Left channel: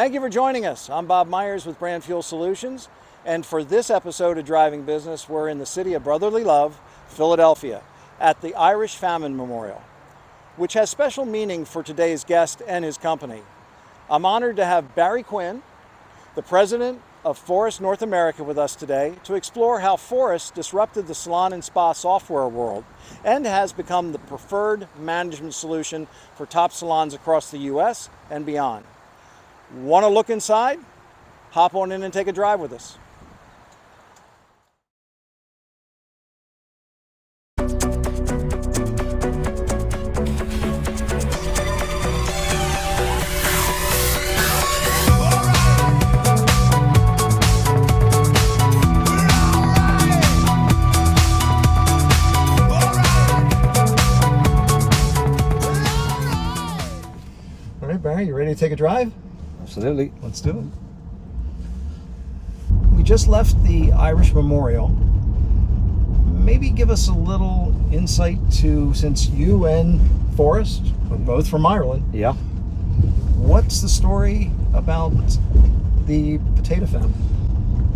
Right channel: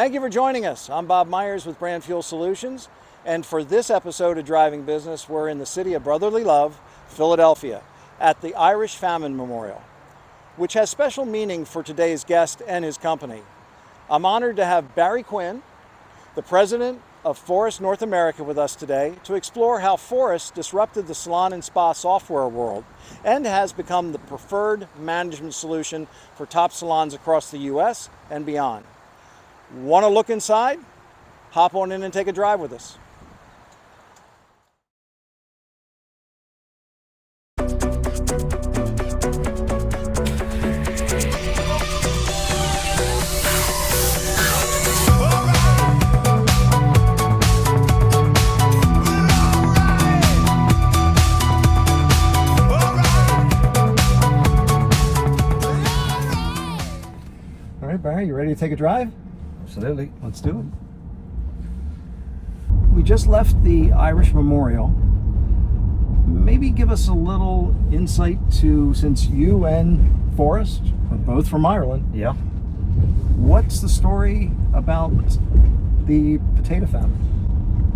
Thank you for joining us. I'm Bob Myers with Brand Fuel Solutions, and for this episode of Driving Business, we're in the city of brotherly love, Philadelphia, at the Irish Famine Memorial, which has special meaning for today's guest and his company. I'm honored to have Barry Quinn, the president of Forest North America, with us today to explore how Forest disrupted the salon and spa software world and has become the preferred management solution for top salons across the US and beyond. Want to look inside? Hop on in and take a drive with us. All right, Barry, you ready to take a drive? Absolutely. Let's do it. We just left the Irish Memorial. Maybe give us a little insight to, since you and Forrest are both from Ireland, Yeah. what's the story about the potato famine?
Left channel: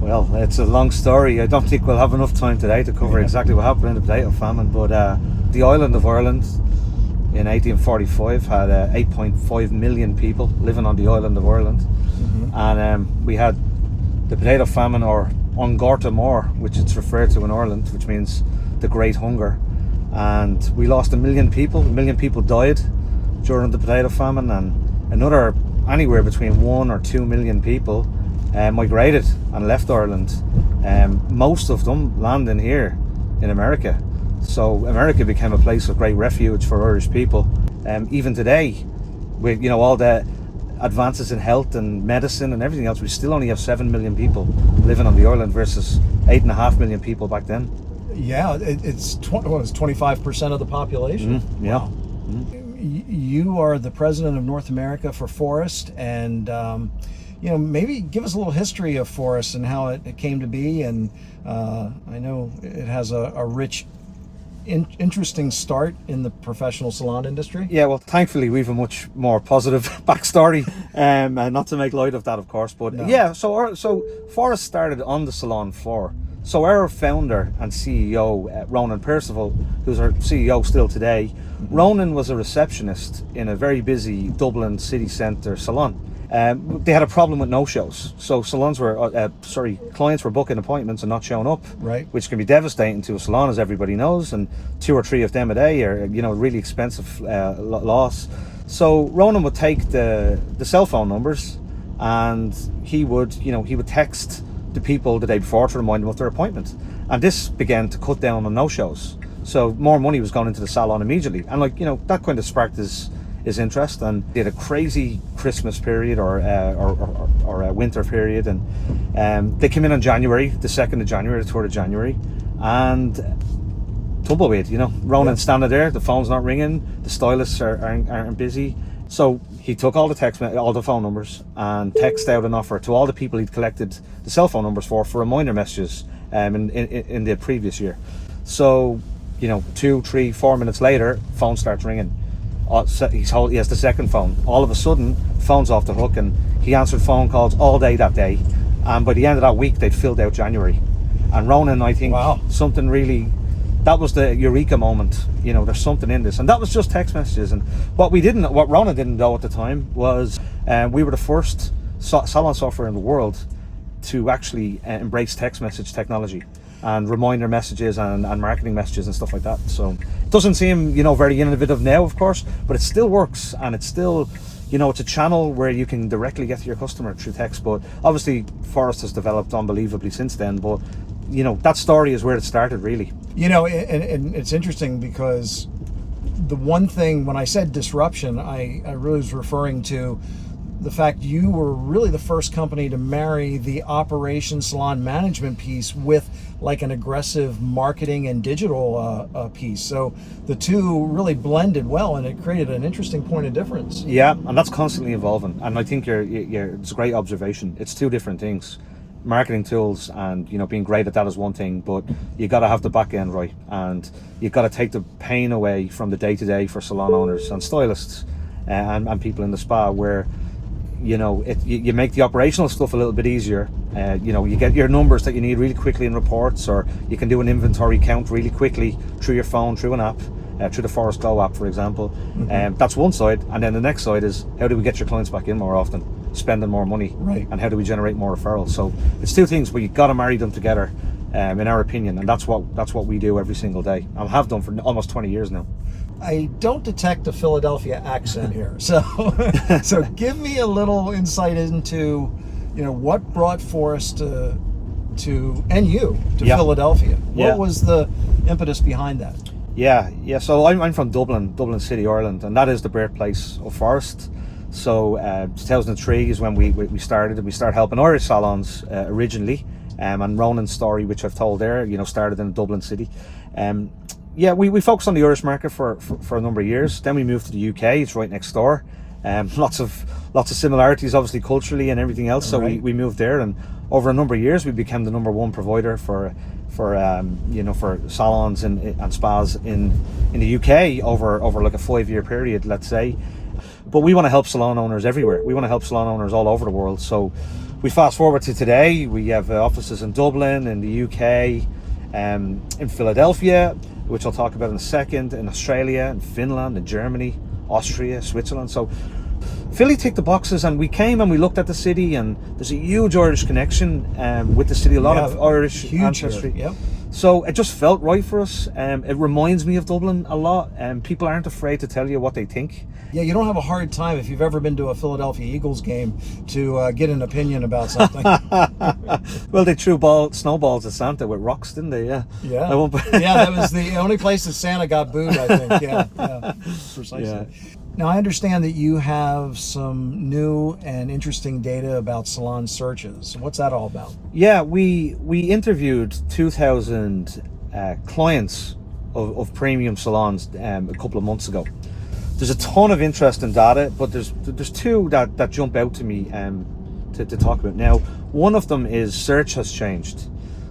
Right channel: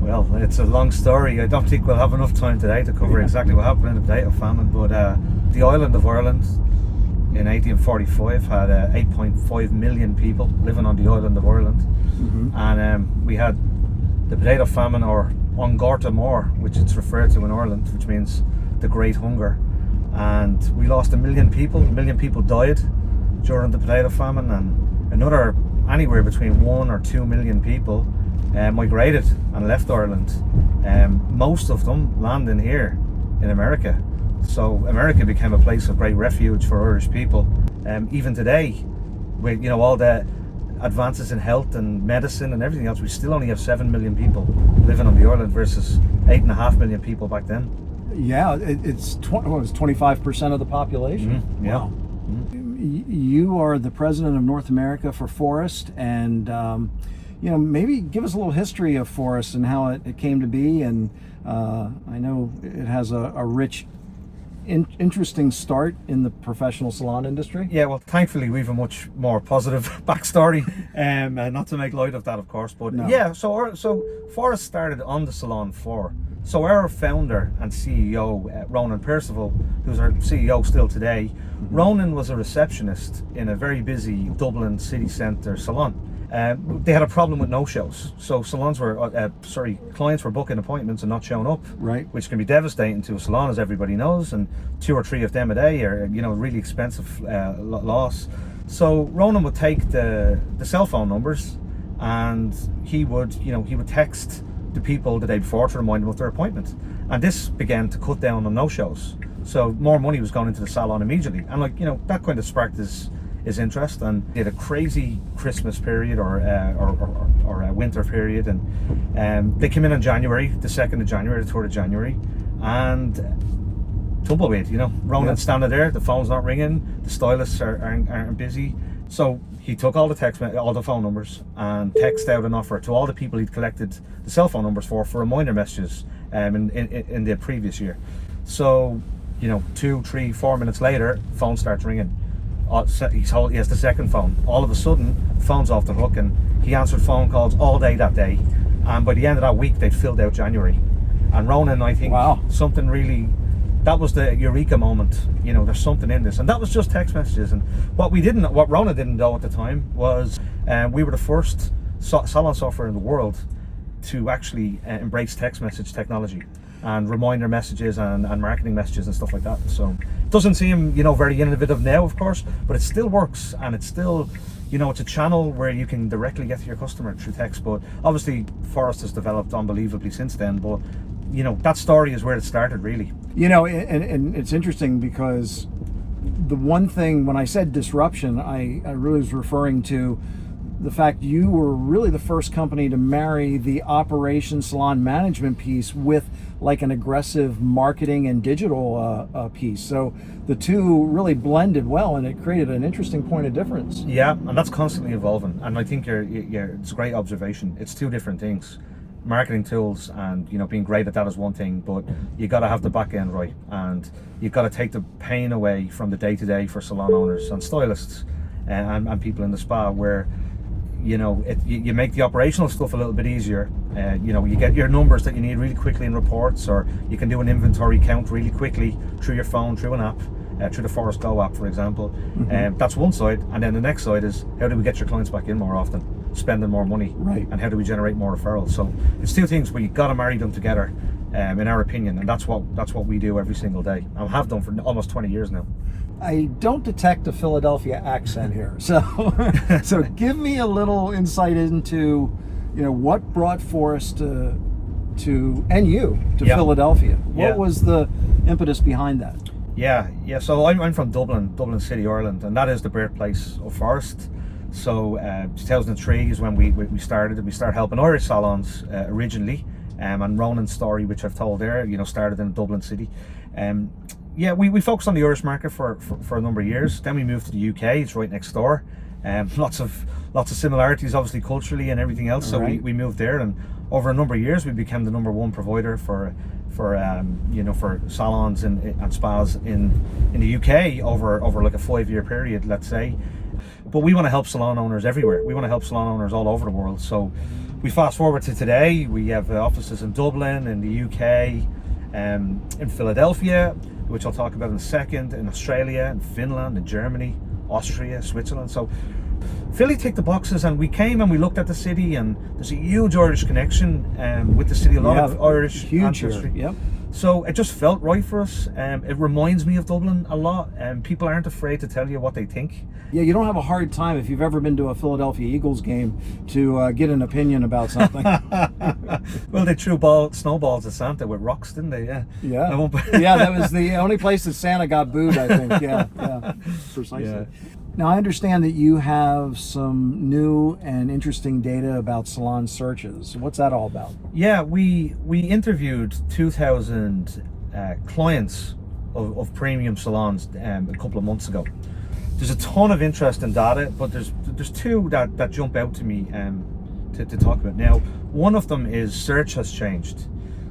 Well, it's a long story. I don't think we'll have enough time today to cover exactly what happened in the potato famine, but the island of Ireland in 1845 had 8.5 million people living on the island of Ireland. And we had the potato famine, or An Gorta Mór, which it's referred to in Ireland, which means the Great Hunger. And we lost 1 million people. 1 million people died during the potato famine, and another anywhere between 1 or 2 million people migrated and left Ireland. Most of them landing here in America. So America became a place of great refuge for Irish people. Even today, with all the advances in health and medicine and everything else, we still only have 7 million people living on the island versus 8.5 million people back then. Yeah, it's 25% of the population. Yeah. Wow. You are the president of North America for Forest, and maybe give us a little history of Forest and how it came to be. And I know it has a rich, interesting start in the professional salon industry. Yeah, well, thankfully we've a much more positive backstory, not to make light of that, of course, but No. yeah, so Forrest started on the salon floor. So our founder and CEO, Ronan Percival, who's our CEO still today, Ronan was a receptionist in a very busy Dublin city centre salon. They had a problem with no-shows, so clients were booking appointments and not showing up, Right. which can be devastating to a salon, as everybody knows, and 2 or 3 of them a day are really expensive loss. So Ronan would take the cell phone numbers, and he would text the people the day before to remind them of their appointment, and this began to cut down on no-shows. So more money was going into the salon immediately, and that kind of sparked his interest, and they had a crazy Christmas period or a winter period, and they came in on January, the 2nd of January, the 3rd of January, and tumbleweed, Ronan's standing there, the phone's not ringing, the stylists aren't busy. So he took all the phone numbers and texted out an offer to all the people he'd collected the cell phone numbers for reminder messages in the previous year. So 2, 3, 4 minutes later, phone starts ringing. He has the second phone. All of a sudden, phone's off the hook, and he answered phone calls all day that day. And by the end of that week, they'd filled out January. And Ronan, I think, Wow. something really, that was the eureka moment. There's something in this, and that was just text messages. And what Ronan didn't know at the time was we were the first salon software in the world to actually embrace text message technology and reminder messages and marketing messages and stuff like that. So it doesn't seem very innovative now, of course, but it still works, and it's still it's a channel where you can directly get to your customer through text. But obviously Forrest has developed unbelievably since then, but that story is where it started, really. And it's interesting because the one thing, when I said disruption, I really was referring to the fact you were really the first company to marry the operation salon management piece with like an aggressive marketing and digital piece. So the two really blended well, and it created an interesting point of difference. Yeah, and that's constantly evolving. And I think it's a great observation. It's two different things. Marketing tools and being great at that is one thing, but you got to have the back end right, and you got to take the pain away from the day to day for salon owners and stylists and people in the spa, where you make the operational stuff a little bit easier. You get your numbers that you need really quickly in reports, or you can do an inventory count really quickly through your phone, through an app, through the Forest Glow app, for example. That's one side, and then the next side is how do we get your clients back in more often, spending more money, Right. and how do we generate more referrals? So it's two things, but you've got to marry them together, in our opinion, and that's what we do every single day. I have done for almost 20 years now. I don't detect a Philadelphia accent here, so so give me a little insight into, what brought Forrest to Yeah. Philadelphia. What Yeah. was the impetus behind that? Yeah. So I'm from Dublin City, Ireland, and that is the birthplace of Forrest. So 2003 is when we started. We started helping Irish salons originally, and Ronan's story, which I've told there, started in Dublin City. We focused on the Irish market for a number of years. Then we moved to the UK. It's right next door. Lots of similarities, obviously culturally and everything else. So Right. we moved there, and over a number of years, we became the number one provider for salons and spas in the UK over like a 5-year period, let's say. But we want to help salon owners everywhere. We want to help salon owners all over the world. So we fast forward to today. We have offices in Dublin, in the UK, in Philadelphia, which I'll talk about in a second, in Australia, in Finland, in Germany, Austria, Switzerland. So Philly ticked the boxes, and we came and we looked at the city, and there's a huge Irish connection with the city, a lot of Irish huge ancestry. Yep. So it just felt right for us. It reminds me of Dublin a lot, and people aren't afraid to tell you what they think. Yeah, you don't have a hard time if you've ever been to a Philadelphia Eagles game to get an opinion about something. Well, they threw snowballs at Santa with rocks, didn't they? Yeah. Yeah. I won't- Yeah, that was the only place that Santa got booed, I think. Yeah, precisely. Yeah. Now, I understand that you have some new and interesting data about salon searches. What's that all about? Yeah, we interviewed 2,000 clients of premium salons a couple of months ago. There's a ton of interesting data, but there's two that jump out to me to talk about now. One of them is search has changed.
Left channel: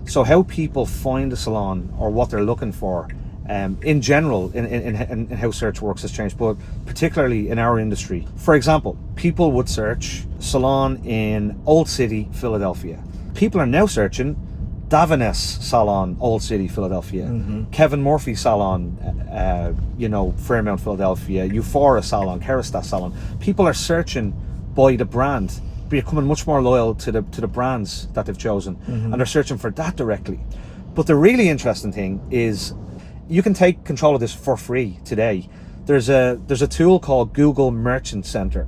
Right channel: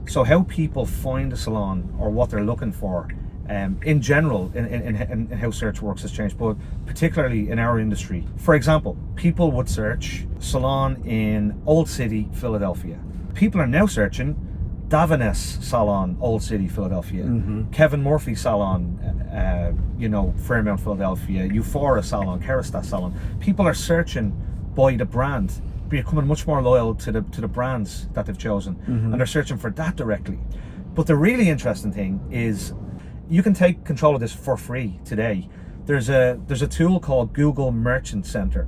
So how people find a salon or what they're looking for, in general, in how search works has changed, but particularly in our industry. For example, people would search salon in Old City, Philadelphia. People are now searching Davines Salon, Old City, Philadelphia. Kevin Murphy Salon, Fairmount, Philadelphia. Euphora Salon, Kerastas Salon. People are searching by the brand, becoming much more loyal to the brands that they've chosen, and they're searching for that directly. But the really interesting thing is, you can take control of this for free today. There's a tool called Google Merchant Center.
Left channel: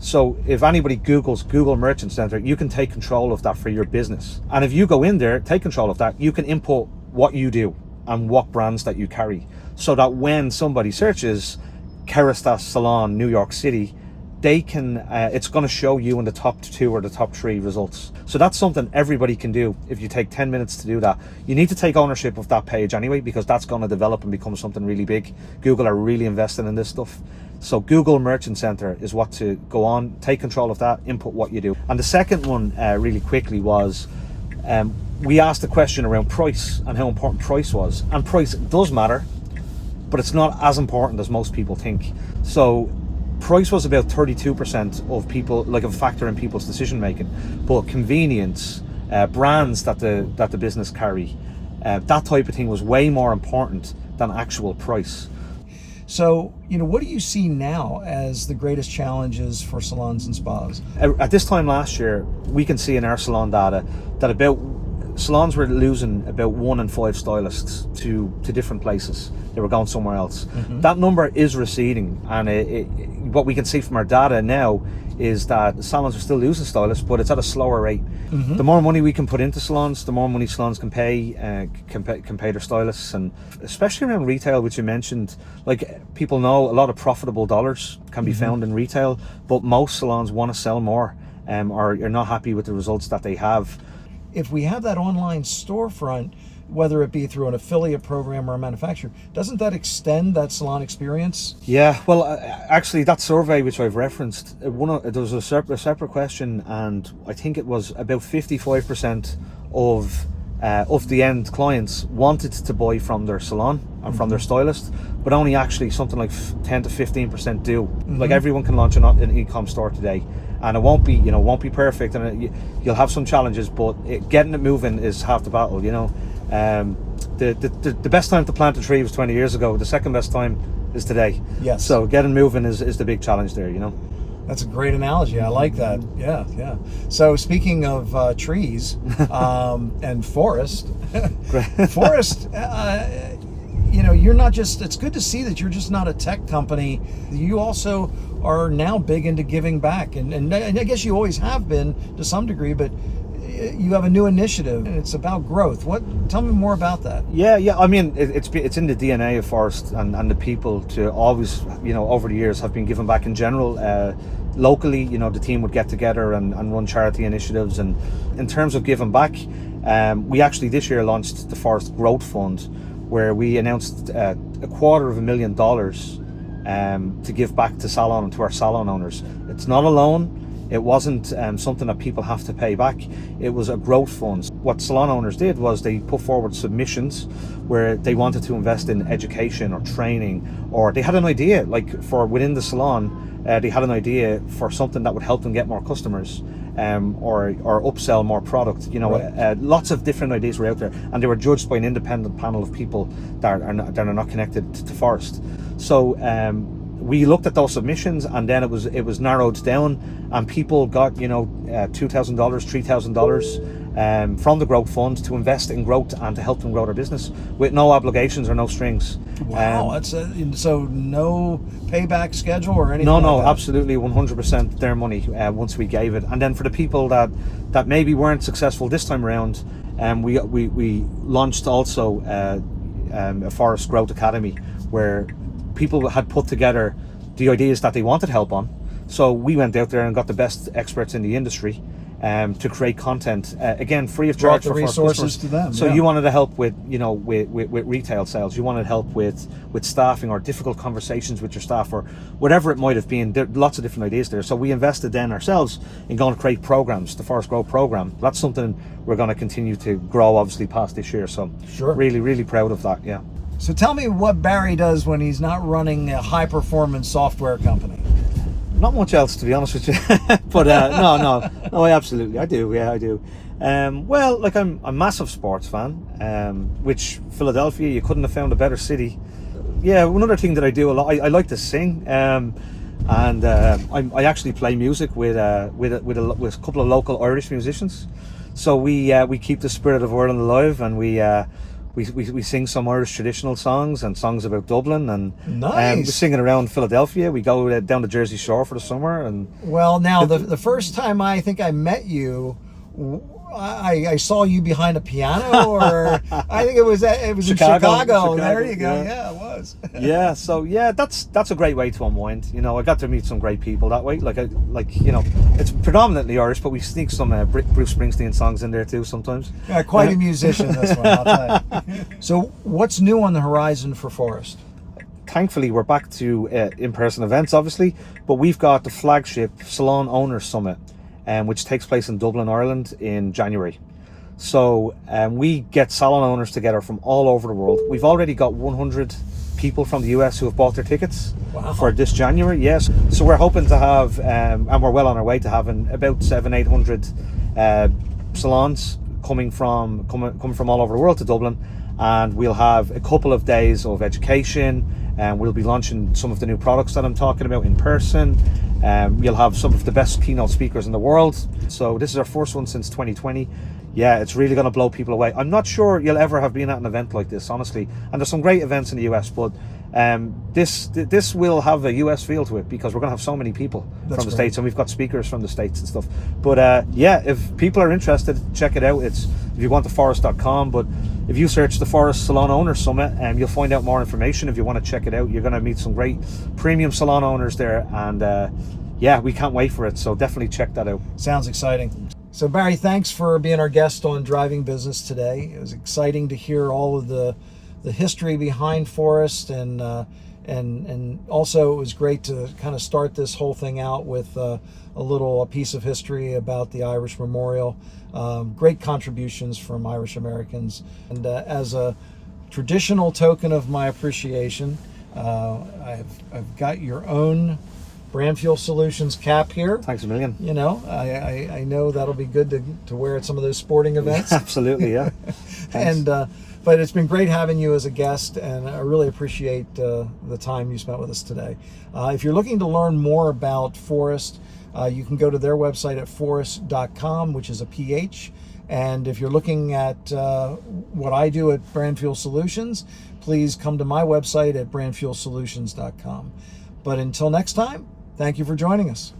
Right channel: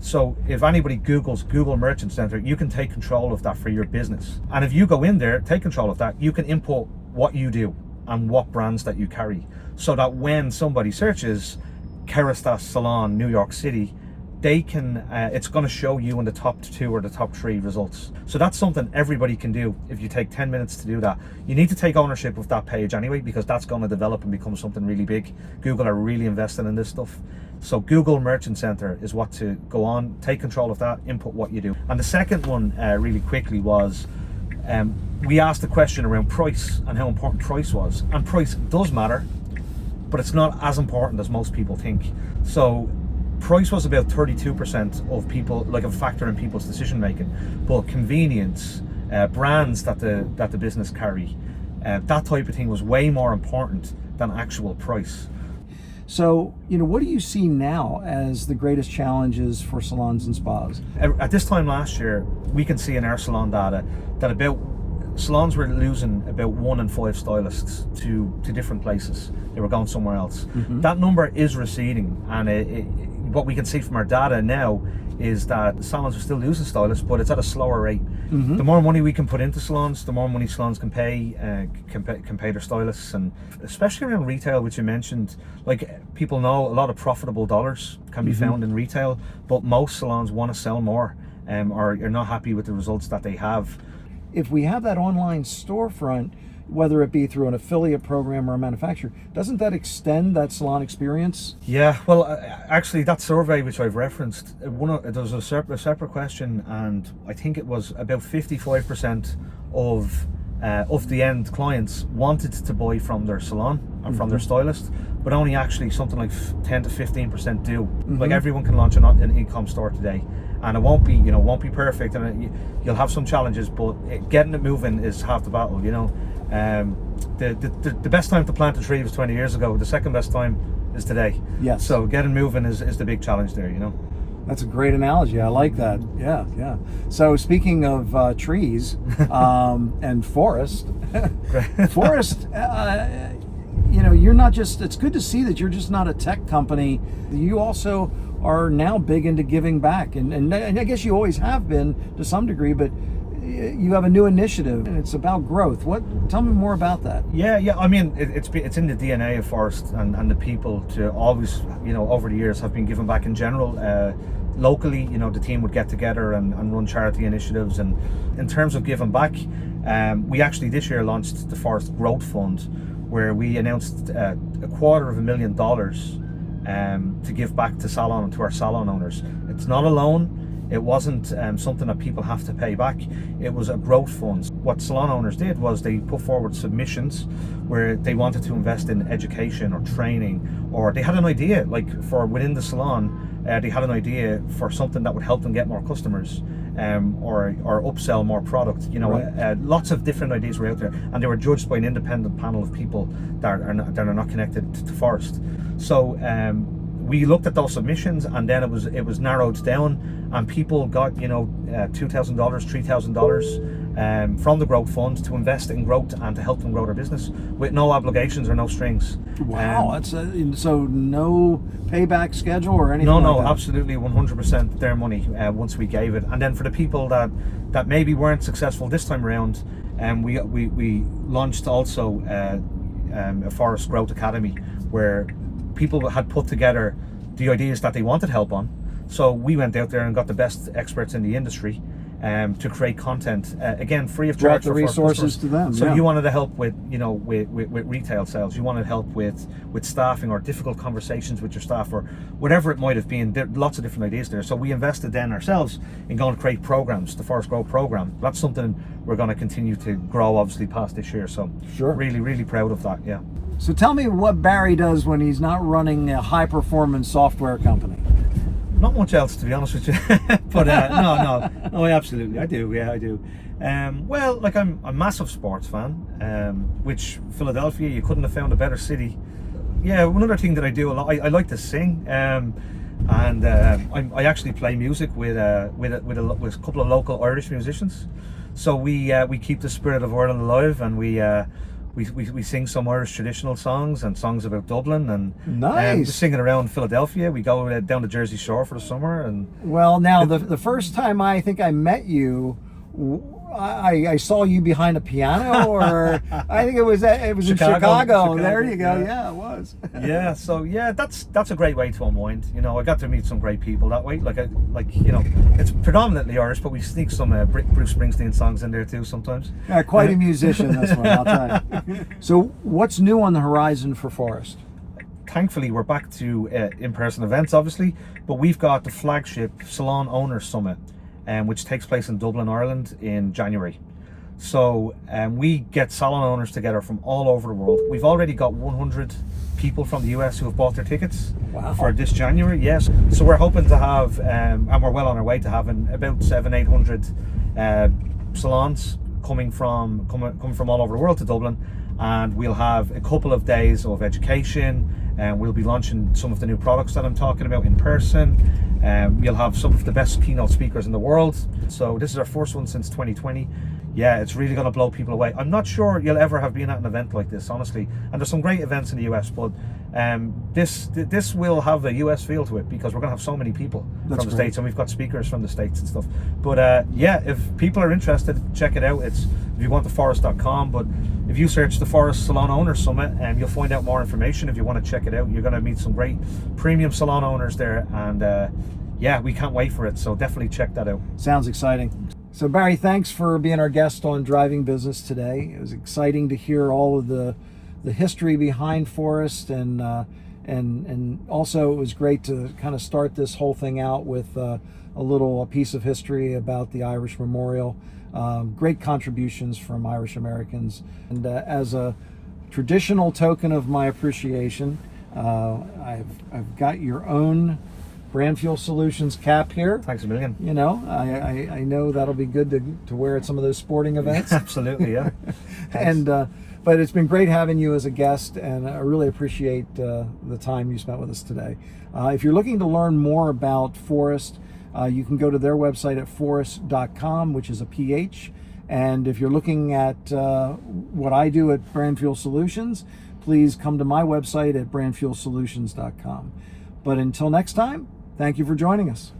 So if anybody Googles Google Merchant Center, you can take control of that for your business. And if you go in there, take control of that, you can input what you do and what brands that you carry, so that when somebody searches Kerastas Salon, New York City, they can, it's going to show you in the top 2 or the top 3 results. So that's something everybody can do if you take 10 minutes to do that. You need to take ownership of that page anyway, because that's going to develop and become something really big. Google are really investing in this stuff. So Google Merchant Center is what to go on, take control of that, input what you do. And the second one, really quickly, was we asked a question around price and how important price was. And price does matter, but it's not as important as most people think. So price was about 32% of people, like a factor in people's decision making, but convenience, brands that the business carry, that type of thing was way more important than actual price. So, what do you see now as the greatest challenges for salons and spas? At this time last year, we can see in our salon data that salons were losing about 1 in 5 stylists to different places. They were going somewhere else. That number is receding, and what we can see from our data now is that salons are still losing stylists, but it's at a slower rate. The more money we can put into salons, the more money salons can pay their stylists, and especially around retail, which you mentioned. Like, people know a lot of profitable dollars can be found in retail, but most salons want to sell more, or you're not happy with the results that they have. If we have that online storefront, whether it be through an affiliate program or a manufacturer, doesn't that extend that salon experience? Yeah, well, actually, that survey which I've referenced, there was a separate question, and I think it was about 55% of the end clients wanted to buy from their salon and from their stylist, but only actually something like 10 to 15% do. Like, everyone can launch an e-com store today, and it won't be perfect, and you'll have some challenges, but getting it moving is half the battle. The best time to plant a tree was 20 years ago. The second best time is today. Yes. So getting moving is the big challenge there. That's a great analogy. I like that. Yeah. So speaking of trees and forest, you're not just, it's good to see that you're just not a tech company. You also are now big into giving back. And I guess you always have been to some degree, but you have a new initiative and it's about growth. Tell me more about that. Yeah. I mean, it's in the DNA of Forest and the people to always, over the years have been giving back in general. Locally, the team would get together and run charity initiatives. And in terms of giving back, we actually this year launched the Forest Growth Fund, where we announced $250,000 to give back to our salon owners. It's not a loan. It wasn't something that people have to pay back. It was a growth fund. What salon owners did was they put forward submissions where they wanted to invest in education or training, or they had an idea, like for within the salon, they had an idea for something that would help them get more customers, or upsell more product. Right. Lots of different ideas were out there, and they were judged by an independent panel of people that are not connected to Forest. So we looked at those submissions, and then it was narrowed down, and people got $2,000, $3,000 from the growth fund to invest in growth and to help them grow their business with no obligations or no strings. Wow, that's so no payback schedule or anything. No, like that? Absolutely 100% their money once we gave it. And then for the people that maybe weren't successful this time around, we launched also a Forest Growth Academy, where people had put together the ideas that they wanted help on. So we went out there and got the best experts in the industry to create content, again, free of charge. Brought the resources to them. So you wanted to help with with retail sales. You wanted help with staffing or difficult conversations with your staff or whatever it might have been. There are lots of different ideas there. So we invested then ourselves in going to create programs, the Forest Growth program. That's something we're going to continue to grow, obviously, past this year. So sure, really, really proud of that. Yeah. So tell me what Barry does when he's not running a high-performance software company. Not much else, to be honest with you. But no, I absolutely, I do. Yeah, I do. Well, like I'm a massive sports fan, which Philadelphia, you couldn't have found a better city. Yeah, one other thing that I do a lot, I like to sing, and I actually play music with a couple of local Irish musicians. So we keep the spirit of Ireland alive, and we sing some Irish traditional songs and songs about Dublin, and nice. We sing it around Philadelphia. We go down the Jersey Shore for the summer. And well, now the first time I think I met you, I saw you behind a piano, or I think it was in Chicago. There you go. Yeah, it was. Yeah. So yeah, that's a great way to unwind. I got to meet some great people that way. It's predominantly Irish, but we sneak some Bruce Springsteen songs in there too sometimes. Yeah, quite a musician, this one, I'll tell you. So what's new on the horizon for Forest? Thankfully, we're back to in-person events, obviously, but we've got the flagship Salon Owners Summit, which takes place in Dublin, Ireland in January. So we get salon owners together from all over the world. We've already got 100 people from the US who have bought their tickets. Wow. For this January. Yes. So we're hoping to have, and we're well on our way to having about 700-800 salons coming from all over the world to Dublin, and we'll have a couple of days of education, and we'll be launching some of the new products that I'm talking about in person. You'll have some of the best keynote speakers in the world. So this is our first one since 2020. Yeah, it's really going to blow people away. I'm not sure you'll ever have been at an event like this, honestly. And there's some great events in the US, but this will have a US feel to it, because we're going to have so many people from the States, and we've got speakers from the States and stuff. But yeah, if people are interested, check it out. It's, if you want, theforest.com, but if you search the Forest Salon Owners Summit, you'll find out more information. If you want to check it out, you're going to meet some great premium salon owners there, and yeah, we can't wait for it. So definitely check that out. Sounds exciting. So Barry, thanks for being our guest on Driving Business today. It was exciting to hear all of the history behind Forest, and also it was great to kind of start this whole thing out with a piece of history about the Irish Memorial. Great contributions from Irish Americans, and as a traditional token of my appreciation, I've got your own Brand Fuel Solutions cap here. Thanks a million. You know, I know that'll be good to wear at some of those sporting events. Absolutely, yeah. And but it's been great having you as a guest, and I really appreciate the time you spent with us today. If you're looking to learn more about Forust, you can go to their website at forust.com, which is a PH. And if you're looking at what I do at Brand Fuel Solutions, please come to my website at brandfuelsolutions.com. But until next time, thank you for joining us.